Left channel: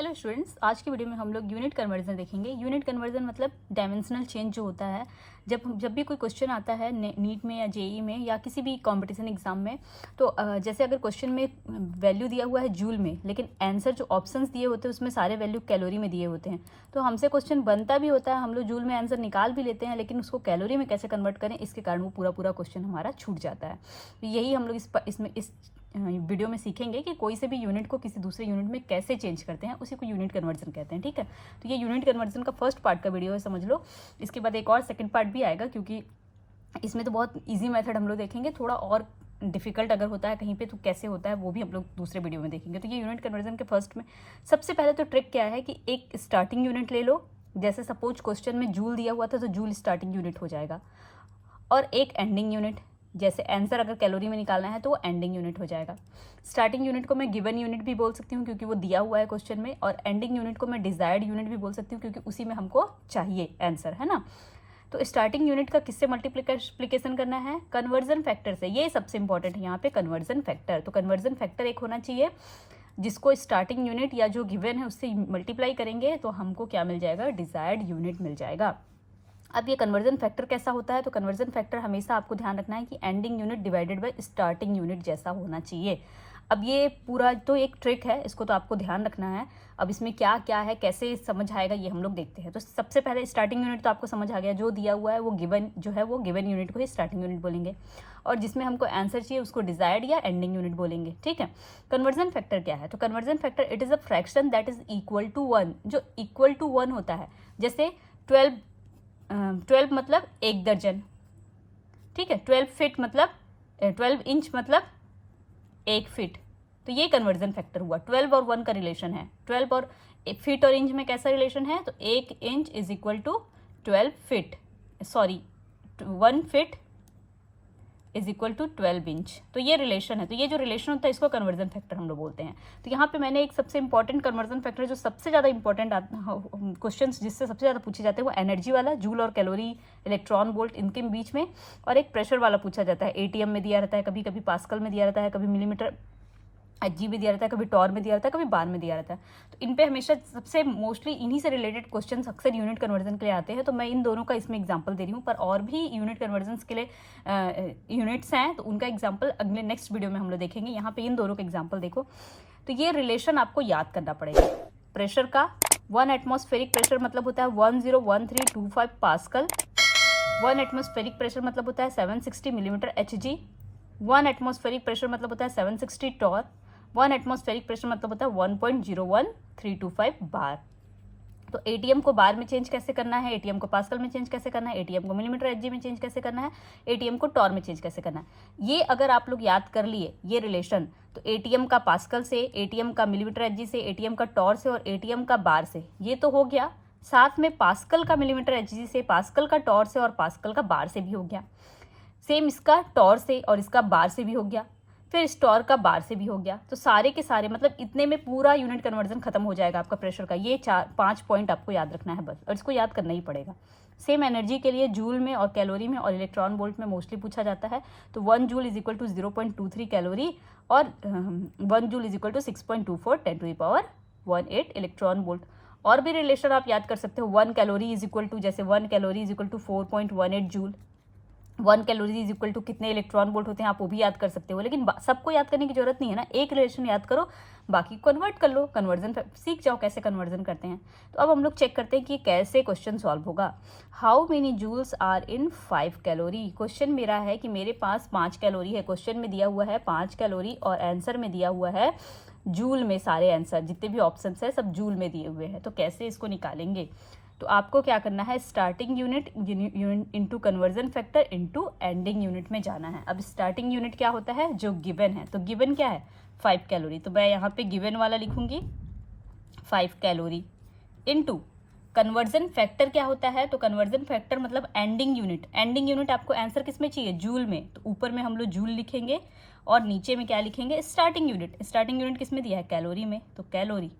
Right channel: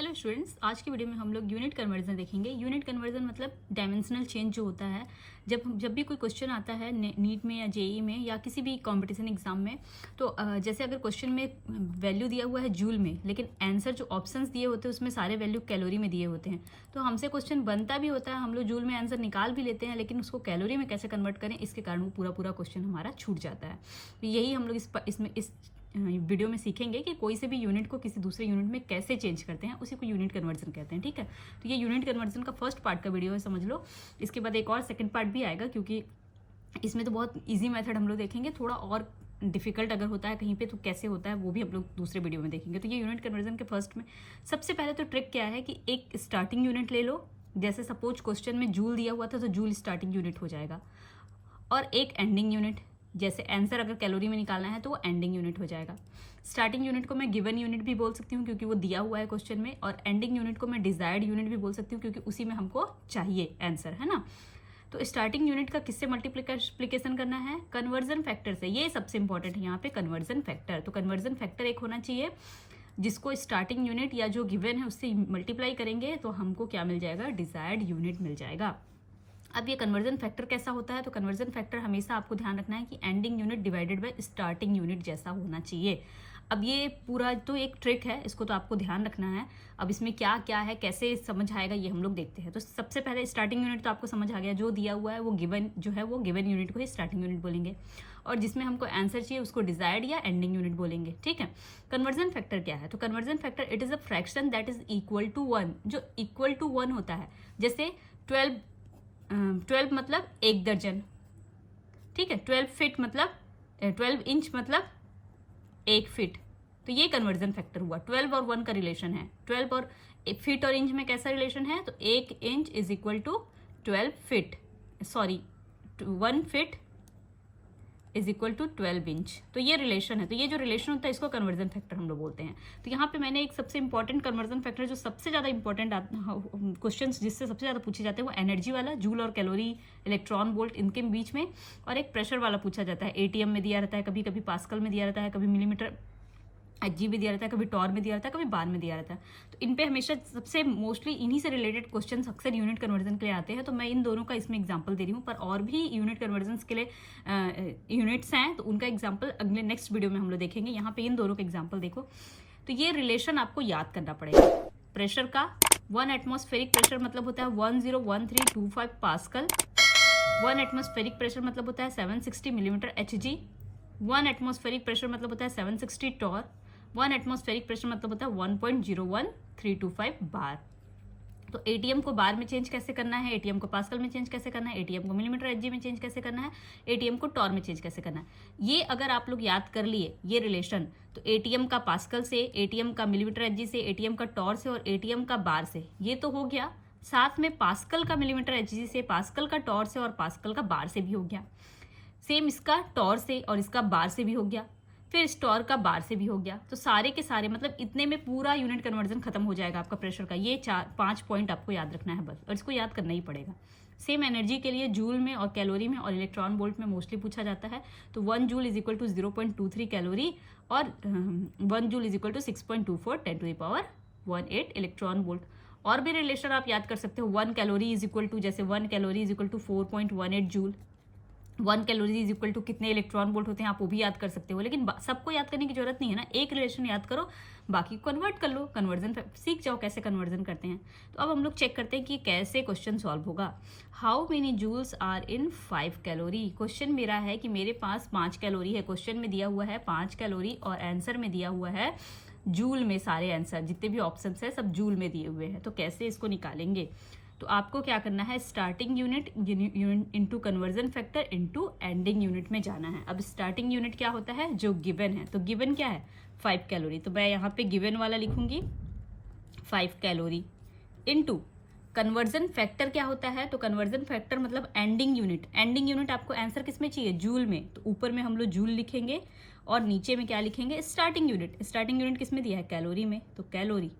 Hello students, आज की video में हम लोग यूनिट कन्वर्जन देखेंगे। यूनिट कन्वर्जन मतलब डायमेंशनल चेंज जो होता है। जब भी कोई क्वेश्चन आता है नीट में या जेई में या किसी भी कंपटीशन एग्जाम में, तो जैसे अगर क्वेश्चन में वैल्यू दिया हुआ है जूल में, लेकिन आंसर जो ऑप्शंस दिए होते हैं उसमें सारे वैल्यू कैलोरी में दिए होते हैं। तो हमसे क्वेश्चन बनता भी होता है, हम लोग जूल में आंसर निकाल भी लेते हैं, लेकिन उसको कैलोरी में कैसे कन्वर्ट करें, इसके कारण वो पूरा क्वेश्चन हमारा छूट जाता है। यही हम लोग इस वीडियो में सीखेंगे कि कोई से भी यूनिट को किसी दूसरे यूनिट में कैसे चेंज करते हैं, उसी को यूनिट कन्वर्जन कहते हैं। ठीक है, तो ये यूनिट कन्वर्जन का फर्स्ट पार्ट का वीडियो है, समझ लो। इसके बाद एक और सेकंड पार्ट भी आएगा, क्योंकि इसमें तो बहुत इजी मेथड हम लोग देखेंगे, थोड़ा और डिफिकल्ट अगर होता है कहीं पे तो कैसे होता है वो भी हम लोग दूसरे वीडियो में देखेंगे। तो ये यूनिट कन्वर्जन के फर्स्ट में सबसे पहले तो ट्रिक क्या है कि एक स्टार्टिंग यूनिट ले लो। जैसे सपोज क्वेश्चन में जूल दिया हुआ था तो जूल स्टार्टिंग यूनिट हो जाएगा, और एक एंडिंग यूनिट, जैसे आंसर अगर कैलोरी में निकालना है तो वो एंडिंग यूनिट हो जाएगा। स्टार्टिंग यूनिट को मैं गिवन यूनिट भी बोल सकती हूँ क्योंकि वो दिया हुआ है क्वेश्चन में, और एंडिंग यूनिट को मैं डिजायर्ड यूनिट भी बोल सकती हूँ क्योंकि उसी में हमको चाहिए आंसर, है ना। तो स्टार्टिंग यूनिट का किससे मल्टीप्लिकेशन करना है? कन्वर्जन फैक्टर से। ये सबसे इंपॉर्टेंट है यहाँ पे, कन्वर्जन फैक्टर। तो कन्वर्जन फैक्टर एक होना चाहिए जिसको स्टार्टिंग यूनिट या जो गिवन है उससे मल्टीप्लाई करेंगे तो हमको क्या मिल जाएगा? डिजायर्ड यूनिट मिल जाएगा। अब ये कन्वर्जन फैक्टर कैसा होता है? तो कन्वर्जन फैक्टर हमेशा आपको ध्यान रखना है कि ending unit divided by starting unit जैसा होना चाहिए। अब ये पूरा तो एक ट्रिक है, इसको तो आपको ध्यान रखना है। अब इसमें क्या क्या है, कैसे समझ आएगा, ये हम लोग देखते हैं। तो सबसे पहले स्टार्टिंग यूनिट तो आपको समझ आ गया, जो दिया हुआ है वो गिवन जो है वो गिवन यूनिट को ही स्टार्टिंग यूनिट बोलेंगे, और जिसमें हमको आंसर चाहिए उसको डिजायर्ड या एंडिंग यूनिट बोलेंगे। ठीक है, कन्वर्जन फैक्टर क्या है? तो conversion factor it is a fraction that is equal to 1, जो इक्वल टू 1 होता है। जैसे 12 मतलब 1 दर्जन, ठीक है। 12 फीट मतलब 12 इंच मतलब 1 फीट। तो ये कन्वर्जन फैक्टर हुआ। 12 और 1 का रिलेशन है। 12 और फीट और इंच में कैसा रिलेशन है? तो 1 inch is equal to 12 feet, sorry 1 feet is equal to 12 inch. तो ये रिलेशन है। तो ये जो रिलेशन होता है इसको कन्वर्जन फैक्टर हम लोग बोलते हैं। तो यहाँ पे मैंने एक सबसे इंपॉर्टेंट कन्वर्जन फैक्टर, जो सबसे ज़्यादा इंपॉर्टेंट क्वेश्चंस जिससे सबसे ज़्यादा पूछे जाते हैं, वो एनर्जी वाला, जूल और कैलोरी, इलेक्ट्रॉन वोल्ट, इनके बीच में, और एक प्रेशर वाला पूछा जाता है। एटीएम में दिया रहता है, कभी कभी पास्कल में दिया रहता है, कभी मिलीमीटर एचजी में दिया रहता है, कभी टॉर में दिया रहता है, कभी बार में दिया रहता है। तो इन पे हमेशा सबसे मोस्टली इन्हीं से रिलेटेड क्वेश्चंस अक्सर यूनिट कन्वर्जन के लिए आते हैं। तो मैं इन दोनों का इसमें एग्जांपल दे रही हूँ, पर और भी यूनिट कन्वर्जन के लिए यूनिट्स हैं, तो उनका एग्जांपल अगले नेक्स्ट वीडियो में हम लोग देखेंगे। यहाँ पे इन दोनों का एग्जाम्पल देखो। तो ये रिलेशन आपको याद करना पड़ेगा। प्रेशर का 1 एटमॉस्फेरिक प्रेशर मतलब होता है 101325 पास्कल। 1 एटमॉस्फेरिक प्रेशर मतलब होता है 760 मिलीमीटर एचजी। 1 एटमॉस्फेरिक प्रेशर मतलब होता है 760 टॉर। 1 एटमॉस्फेरिक प्रेशर मतलब होता है 1.01325 बार। तो एटीएम को बार में चेंज कैसे करना है, एटीएम को पास्कल में चेंज कैसे करना है, एटीएम को मिलीमीटर एचजी में चेंज कैसे करना है, एटीएम को टॉर में चेंज कैसे करना है, ये अगर आप लोग याद कर लिए ये रिलेशन, तो एटीएम का पास्कल से, एटीएम का मिलीमीटर एचजी से, एटीएम का टॉर से, और एटीएम का बार से, ये तो हो गया। साथ में पास्कल का मिलीमीटर एचजी से, पास्कल का टॉर से, और पास्कल का बार से भी हो गया। सेम इसका टॉर से और इसका बार से भी हो गया, फिर स्टॉर का बार से भी हो गया। तो सारे के सारे मतलब इतने में पूरा यूनिट कन्वर्जन खत्म हो जाएगा आपका प्रेशर का। ये 4-5 पॉइंट आपको याद रखना है बस, और इसको याद करना ही पड़ेगा। सेम एनर्जी के लिए जूल में और कैलोरी में और इलेक्ट्रॉन वोल्ट में मोस्टली पूछा जाता है। तो 1 joule is equal to 0.23 calorie, और 1 joule is equal to 6.24 10⁻18 electron volt. और भी रिलेशन आप याद कर सकते हो। 1 कैलोरी इज इक्वल टू, जैसे 1 calorie is equal to 4.18 joule. 1 calorie is equal to कितने इलेक्ट्रॉन वोल्ट होते हैं, आप वो भी याद कर सकते हो। लेकिन सबको याद करने की जरूरत नहीं है ना, एक रिलेशन याद करो, बाकी कन्वर्ट कर लो, कन्वर्जन सीख जाओ कैसे कन्वर्जन करते हैं। तो अब हम लोग चेक करते हैं कि कैसे क्वेश्चन सॉल्व होगा। How many joules are in 5 calorie. Question मेरा है कि मेरे पास 5 कैलोरी है। क्वेश्चन में दिया हुआ है 5 कैलोरी, और आंसर में दिया हुआ है जूल में। सारे आंसर जितने भी ऑप्शन है सब जूल में दिए हुए हैं। तो कैसे इसको निकालेंगे? तो आपको क्या करना है, starting unit into conversion factor into ending unit में जाना है। अब स्टार्टिंग यूनिट क्या होता है? जो गिवन है। तो गिवन क्या है? 5 कैलोरी। तो मैं यहाँ पे गिवन वाला लिखूंगी 5 कैलोरी इंटू कन्वर्जन फैक्टर क्या होता है? तो कन्वर्जन फैक्टर मतलब एंडिंग यूनिट। एंडिंग यूनिट आपको आंसर किस में चाहिए? जूल में। तो ऊपर में हम लोग जूल लिखेंगे, और नीचे में क्या लिखेंगे? Starting unit. स्टार्टिंग यूनिट किस में दिया है? कैलोरी में। तो कैलोरी,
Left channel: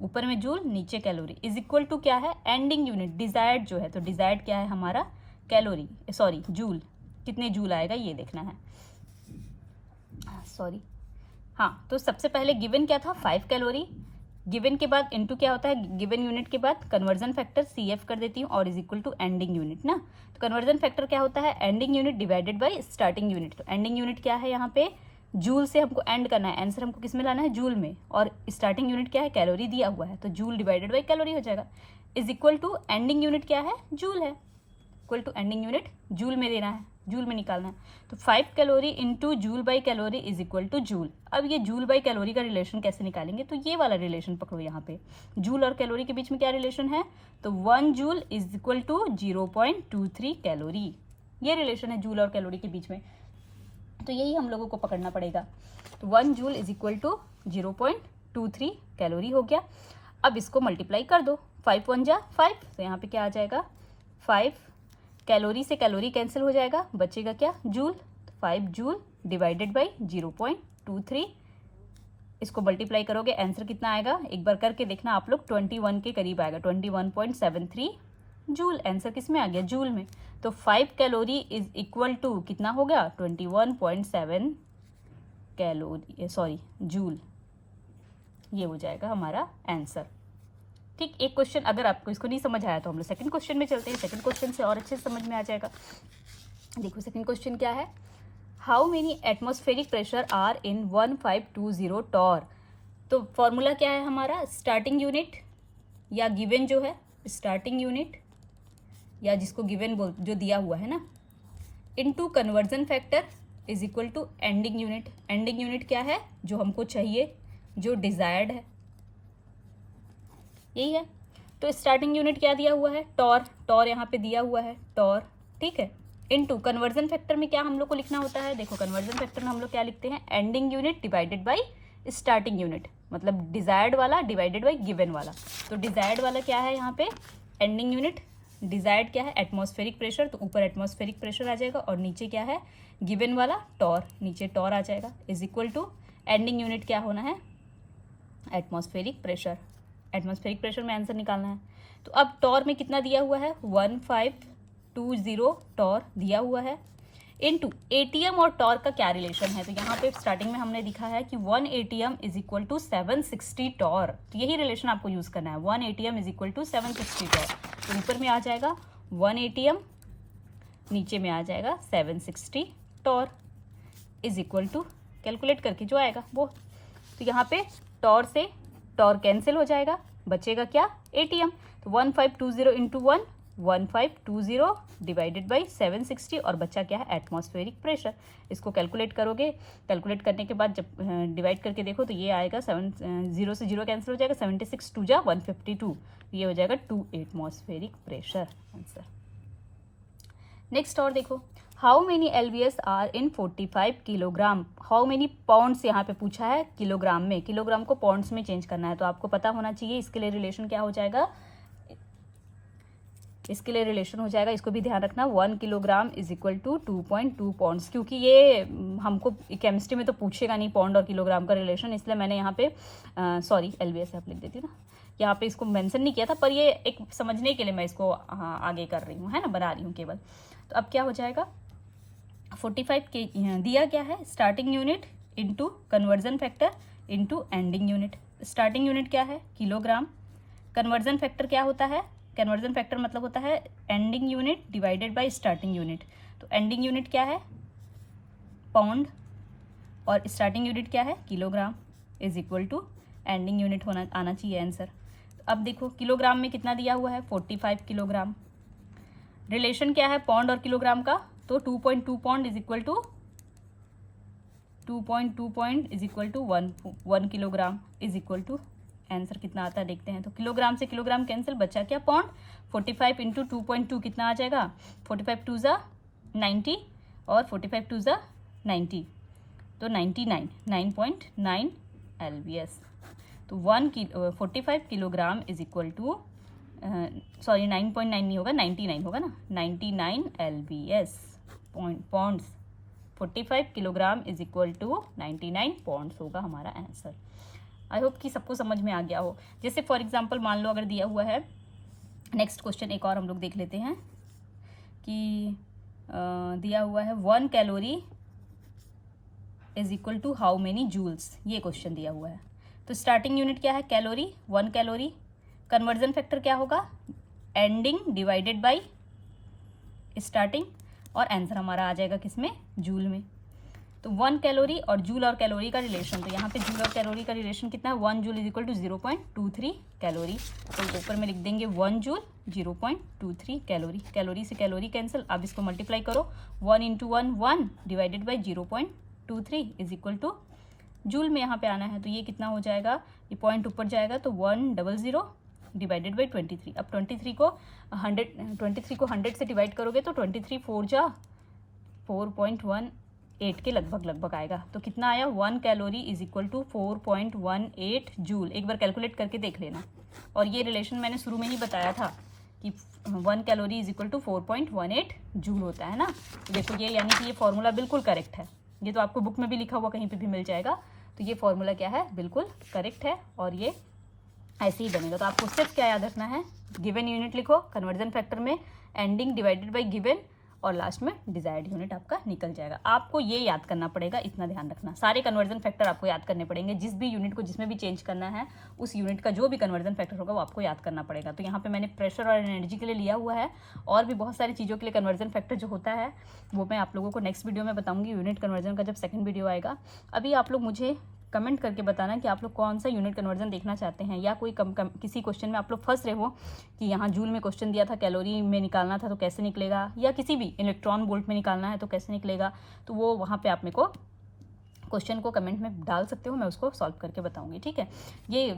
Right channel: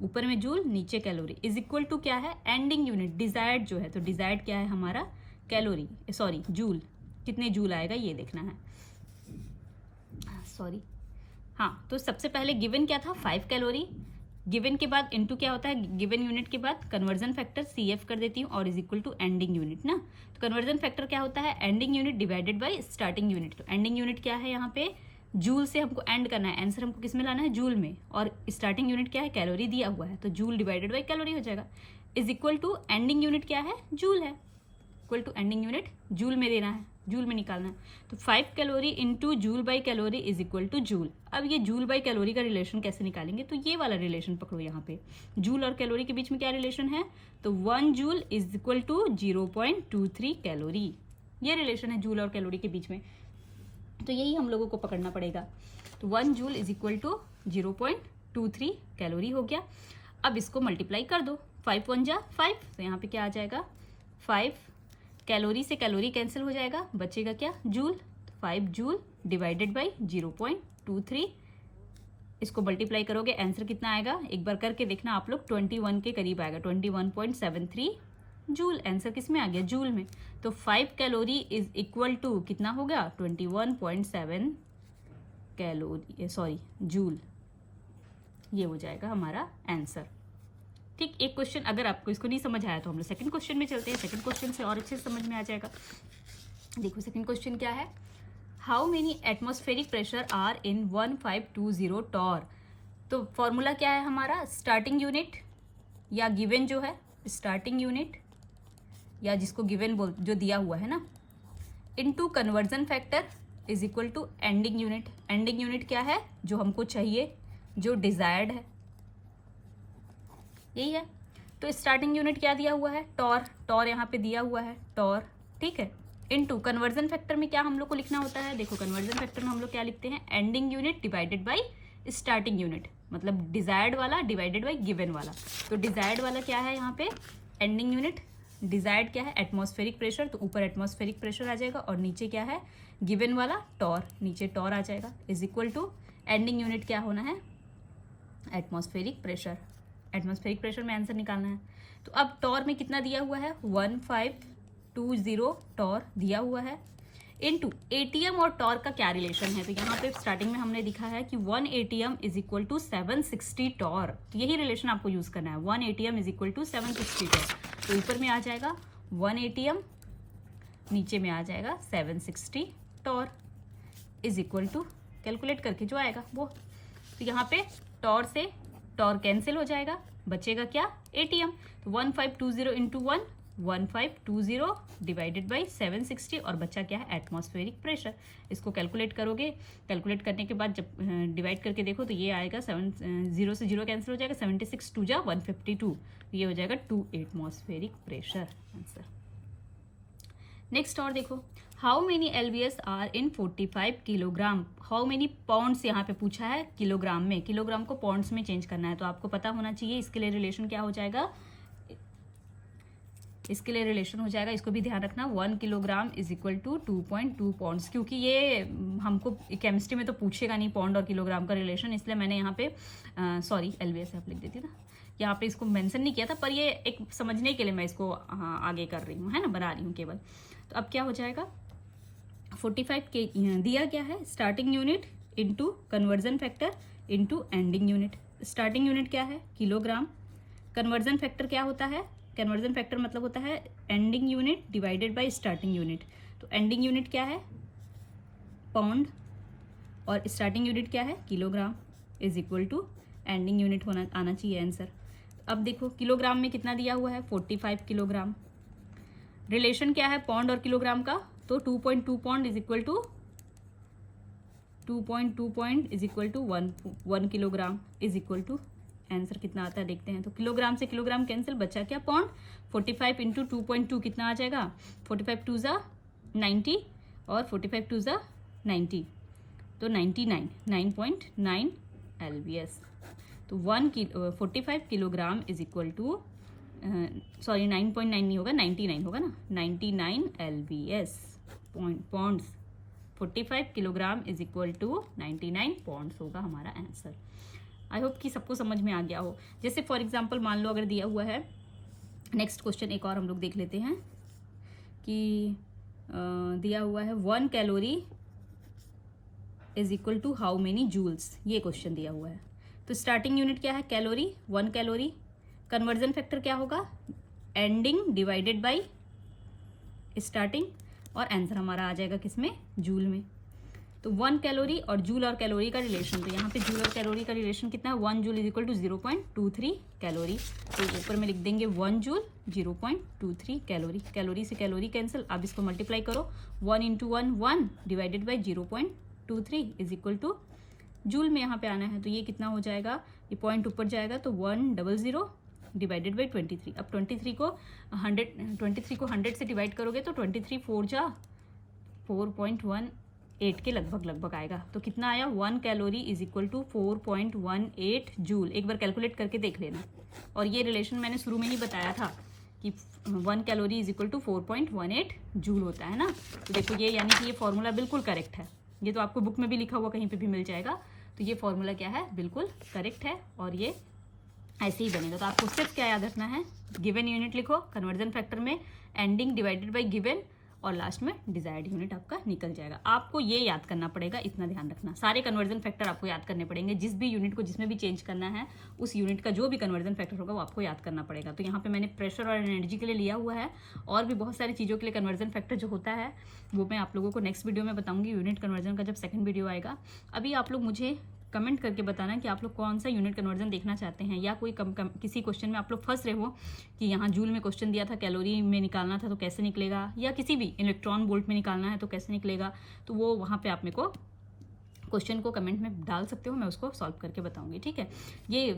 ऊपर में जूल, नीचे कैलोरी, इज इक्वल टू क्या है? एंडिंग यूनिट डिजायर्ड जो है। तो डिजायर्ड क्या है हमारा? Calorie, sorry joule. कितने जूल आएगा ये देखना है, सॉरी। हाँ, तो सबसे पहले गिवन क्या था? 5 कैलोरी। गिवन के बाद इनटू क्या होता है, गिवन यूनिट के बाद कन्वर्जन फैक्टर CF कर देती हूँ और is equal to ending unit ना। तो कन्वर्जन फैक्टर क्या होता है, ending unit divided by starting unit. तो एंडिंग यूनिट क्या है यहाँ पे, जूल से हमको एंड करना है, आंसर हमको किस में लाना है, जूल में, और स्टार्टिंग यूनिट क्या है, कैलोरी दिया हुआ है, तो जूल डिवाइडेड बाय कैलोरी हो जाएगा। Is equal to ending unit क्या है, जूल है, equal to ending unit joule में देना है, जूल में निकालना है। तो 5 calorie into joule by calorie is equal to joule. अब ये जूल बाई कैलोरी का रिलेशन कैसे निकालेंगे, तो ये वाला रिलेशन पकड़ो यहाँ पे, जूल और कैलोरी के बीच में क्या रिलेशन है, तो 1 joule is equal to 0.23 calorie, ये रिलेशन है जूल और कैलोरी के बीच में। तो यही हम लोगों को पकड़ना पड़ेगा। तो 1 joule is equal to 0.23 calorie हो गया। अब इसको मल्टीप्लाई कर दो, 5 1 जा 5, तो यहाँ पे क्या आ जाएगा 5, कैलोरी से कैलोरी कैंसिल हो जाएगा, बचेगा क्या, जूल, 5 जूल डिवाइडेड बाई 0.23, इसको मल्टीप्लाई करोगे आंसर कितना आएगा, एक बार करके देखना आप लोग, 21 के करीब आएगा, 21.73 जूल, आंसर किस में आ गया, जूल में। तो 5 कैलोरी इज इक्वल टू कितना हो गया, 21.7 कैलोरी, सॉरी जूल, ये हो जाएगा हमारा आंसर। ठीक, एक क्वेश्चन अगर आपको इसको नहीं समझ आया तो हम लोग सेकंड क्वेश्चन में चलते हैं, सेकंड क्वेश्चन से और अच्छे से समझ में आ जाएगा। देखो सेकंड क्वेश्चन क्या है, how many atmospheric pressure are in 1520 torr. तो फॉर्मूला क्या है हमारा, स्टार्टिंग यूनिट या गिवन जो है स्टार्टिंग यूनिट या जिसको गिवन बोल जो दिया हुआ है ना, into conversion factor is equal to ending unit. Ending unit क्या है, जो हमको चाहिए, जो डिजायर्ड है, यही है। तो स्टार्टिंग यूनिट क्या दिया हुआ है, टॉर, टॉर यहाँ पे दिया हुआ है टॉर, ठीक है, इनटू कन्वर्जन फैक्टर में क्या हम लोग को लिखना होता है, देखो कन्वर्जन फैक्टर में हम लोग क्या लिखते हैं, ending unit divided by starting unit, मतलब डिजायर्ड वाला डिवाइडेड बाय गिवन वाला। तो डिजायर्ड वाला क्या है यहाँ पे, एंडिंग यूनिट, डिजायर्ड क्या है, एटमॉस्फेरिक प्रेशर, तो ऊपर एटमॉस्फेरिक प्रेशर आ जाएगा और नीचे क्या है, गिवन वाला टॉर, नीचे टॉर आ जाएगा, is equal to ending unit क्या होना है, एटमॉस्फेरिक प्रेशर। एटमॉस्फेरिक प्रेशर में आंसर निकालना है। तो अब टॉर में कितना दिया हुआ है, 1520 टॉर दिया हुआ है, इनटू एटीएम और टॉर का क्या रिलेशन है, तो यहाँ पे स्टार्टिंग में हमने दिखा है कि 1 ATM is equal to 760 torr, तो यही रिलेशन आपको यूज करना है, 1 ATM is equal to 760 torr. तो ऊपर में आ जाएगा 1 एटीएम, नीचे में आ जाएगा 760 torr, is equal to calculate करके जो आएगा वो। तो यहाँ पे टॉर से टॉर कैंसिल हो जाएगा, बचेगा क्या, एटीएम। तो 1520 इंटू 1, 1520 डिवाइडेड बाई 760 और बच्चा क्या है, एटमॉस्फेरिक प्रेशर। इसको कैलकुलेट करोगे, कैलकुलेट करने के बाद जब डिवाइड करके देखो तो ये आएगा 0 से 0 कैंसिल हो जाएगा, 76 2 जा 152, ये हो जाएगा 2 एटमॉस्फेरिक प्रेशर आंसर। नेक्स्ट और देखो, how many LBS are in 45 kilogram, how many pounds यहाँ पे पूछा है किलोग्राम में, किलोग्राम को पाउंड्स में चेंज करना है, तो आपको पता होना चाहिए इसके लिए रिलेशन क्या हो जाएगा, इसके लिए रिलेशन हो जाएगा, इसको भी ध्यान रखना, 1 kilogram is equal to 2.2 pounds, क्योंकि ये हमको केमिस्ट्री में तो पूछेगा नहीं पाउंड और किलोग्राम का रिलेशन, इसलिए मैंने यहाँ पे सॉरी LBS आप लिख देती ना, यहाँ पे इसको मेंशन नहीं किया था, पर ये एक समझने के लिए मैं इसको आगे कर रही हूँ, है ना, बना रही हूँ केवल। तो अब क्या हो जाएगा, 45 के दिया क्या है, starting unit into conversion factor into ending unit. Starting unit क्या है, किलोग्राम, कन्वर्जन फैक्टर क्या होता है, कन्वर्जन फैक्टर मतलब होता है ending unit divided by starting unit. तो एंडिंग यूनिट क्या है, पाउंड, और स्टार्टिंग यूनिट क्या है, kilogram, is equal to ending unit होना आना चाहिए आंसर। अब देखो किलोग्राम में कितना दिया हुआ है, 45 किलोग्राम, रिलेशन क्या है पाउंड और किलोग्राम का, तो 2.2 pound is equal to 2.2 point is equal to 1 kilogram, is equal to answer कितना आता है देखते हैं। तो किलोग्राम से किलोग्राम कैंसिल, बचा क्या पाउंड, 45 इंटू 2.2 कितना आ जाएगा, 45 2 जा 90 और 45 2 जा 90, तो 99, 9.9 LBS। तो 45 kilogram is equal to sorry 9.9 नहीं होगा, 99 होगा ना, 99 LBS pounds, 45 kilogram is equal to 99 pounds होगा हमारा आंसर। आई होप कि सबको समझ में आ गया हो। जैसे फॉर एग्जांपल मान लो अगर दिया हुआ है, नेक्स्ट क्वेश्चन एक और हम लोग देख लेते हैं कि दिया हुआ है 1 calorie is equal to how many joules, ये क्वेश्चन दिया हुआ है। तो स्टार्टिंग यूनिट क्या है, कैलोरी, 1 कैलोरी। कन्वर्जन फैक्टर क्या होगा, एंडिंग डिवाइडेड बाई स्टार्टिंग, और आंसर हमारा आ जाएगा किसमें, जूल में। तो 1 कैलोरी और जूल और कैलोरी का रिलेशन, तो यहाँ पे जूल और कैलोरी का रिलेशन कितना है, 1 joule is equal to 0.23 calorie. तो ऊपर में लिख देंगे 1 जूल 0.23 कैलोरी। कैलोरी से कैलोरी कैंसिल, अब इसको मल्टीप्लाई करो, 1 into 1 1 divided by 0.23 is equal to joule में यहाँ पे आना है, तो ये कितना हो जाएगा, ये पॉइंट ऊपर जाएगा तो 100 डिवाइडेड बाई 23। अब 23 को 100 से डिवाइड करोगे तो 23 4 जा 4.18 के लगभग आएगा। तो कितना आया, 1 calorie is equal to 4.18 joule. एक बार कैलकुलेट करके देख लेना। और ये रिलेशन मैंने शुरू में ही बताया था कि 1 calorie is equal to 4.18 joule होता है ना। तो देखो ये, यानी कि ये फॉर्मूला बिल्कुल करेक्ट है। ये तो आपको बुक में भी लिखा हुआ कहीं पे भी मिल जाएगा। तो ये फॉर्मूला क्या है, बिल्कुल करेक्ट है और ये ऐसे ही बनेगा। तो आपको स्टेप्स क्या याद रखना है, गिवन यूनिट लिखो, कन्वर्जन फैक्टर में एंडिंग डिवाइडेड बाई गिवन, और लास्ट में डिजायर्ड यूनिट आपका निकल जाएगा। आपको ये याद करना पड़ेगा, इतना ध्यान रखना। सारे कन्वर्जन फैक्टर आपको याद करने पड़ेंगे, जिस भी यूनिट को जिसमें भी चेंज करना है उस यूनिट का जो भी कन्वर्जन फैक्टर होगा वो आपको याद करना पड़ेगा। तो यहाँ पे मैंने प्रेशर और एनर्जी के लिए लिया हुआ है, और भी बहुत सारी चीज़ों के लिए कन्वर्जन फैक्टर जो होता है वो मैं आप लोगों को नेक्स्ट वीडियो में बताऊँगी, यूनिट कन्वर्जन का जब सेकंड वीडियो आएगा। अभी आप लोग मुझे कमेंट करके बताना कि आप लोग कौन सा यूनिट कन्वर्जन देखना चाहते हैं, या कोई किसी क्वेश्चन में आप लोग फंस रहे हो कि यहाँ जूल में क्वेश्चन दिया था, कैलोरी में निकालना था तो कैसे निकलेगा, या किसी भी इलेक्ट्रॉन वोल्ट में निकालना है तो कैसे निकलेगा। तो वो वहाँ पे आप मेरे को क्वेश्चन को कमेंट में डाल सकते हो, मैं उसको सॉल्व करके बताऊंगी। ठीक है, ये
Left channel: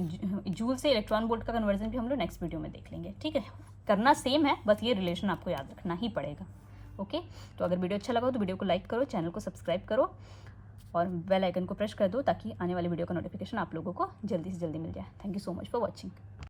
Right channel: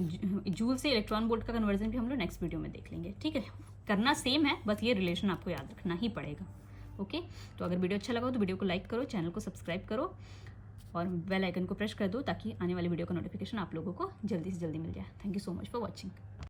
जूल से इलेक्ट्रॉन वोल्ट का कन्वर्जन भी हम लोग नेक्स्ट वीडियो में देख लेंगे। ठीक है, करना सेम है, बस ये रिलेशन आपको याद रखना ही पड़ेगा। ओके, तो अगर वीडियो अच्छा लगा हो तो वीडियो को लाइक करो, चैनल को सब्सक्राइब करो और बेल आइकन को प्रेस कर दो ताकि आने वाली वीडियो का नोटिफिकेशन आप लोगों को जल्दी से जल्दी मिल जाए। Thank you so much for watching.